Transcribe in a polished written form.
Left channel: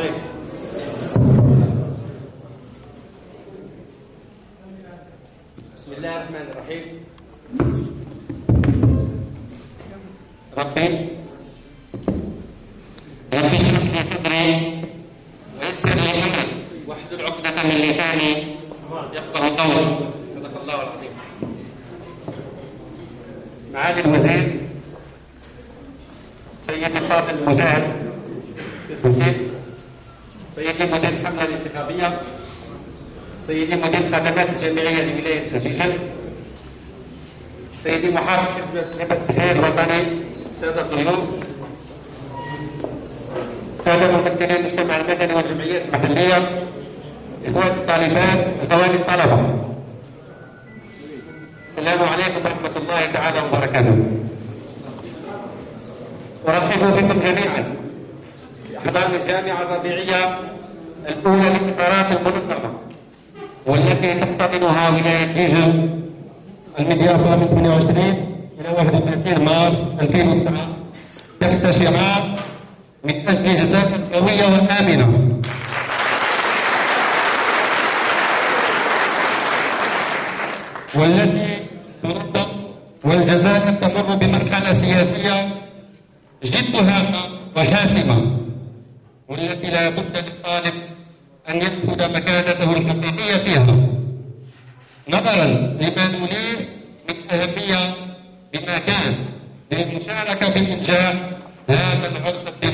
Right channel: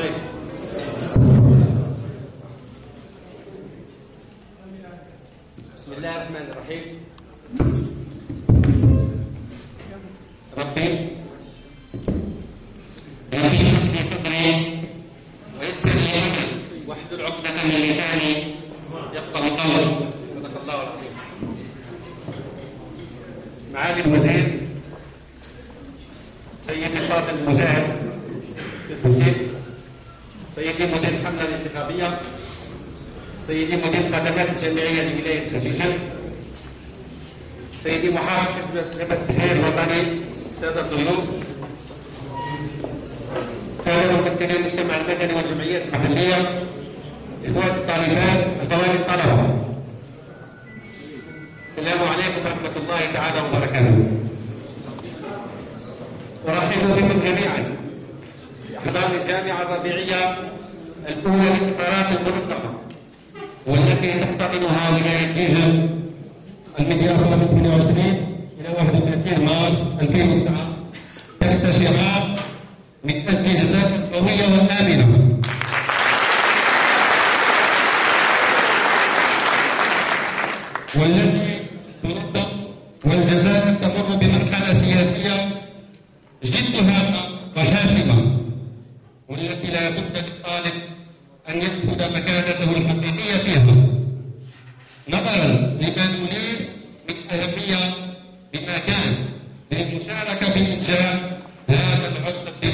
عليكم. بسم الله الرحمن الرحيم. ربي اشرح لي صدري ويسر لي امري واحلل عقدة من لساني يفقه قولي. صدق الله العظيم. معالي الوزير سيدي فاضل المجاهد، سيدي مدير الحملة الانتخابية، سيدي مدير خدمات الجامعية لولاية الجيزة، سيدي محافظ حزب التحرير الوطني، سادة الضيوف، سادة ممثلي المجتمع المدني والجمعيات المحلية، إخواتي الطالبات، أخواتي الطلبة، السلام عليكم ورحمة الله تعالى وبركاته. أرحب بكم جميعا أحضان الجامعة الربيعية الأولى للإطارات المنظمة والتي تحتضنها ولاية جيزة المضيافة من 22 إلى 31 مارس 2009 تحت شعار من أجل جزائر قوية وآمنة. والتي تنظم والجزائر تمر بمرحلة سياسية جد هامة وحاسمة، والتي لا بد للطالب أن يدخل مكانته الحقيقية فيها نظرا لما نوليه من أهمية بما كان للمشاركة بإنجاح هذا العرس الديمقراطي.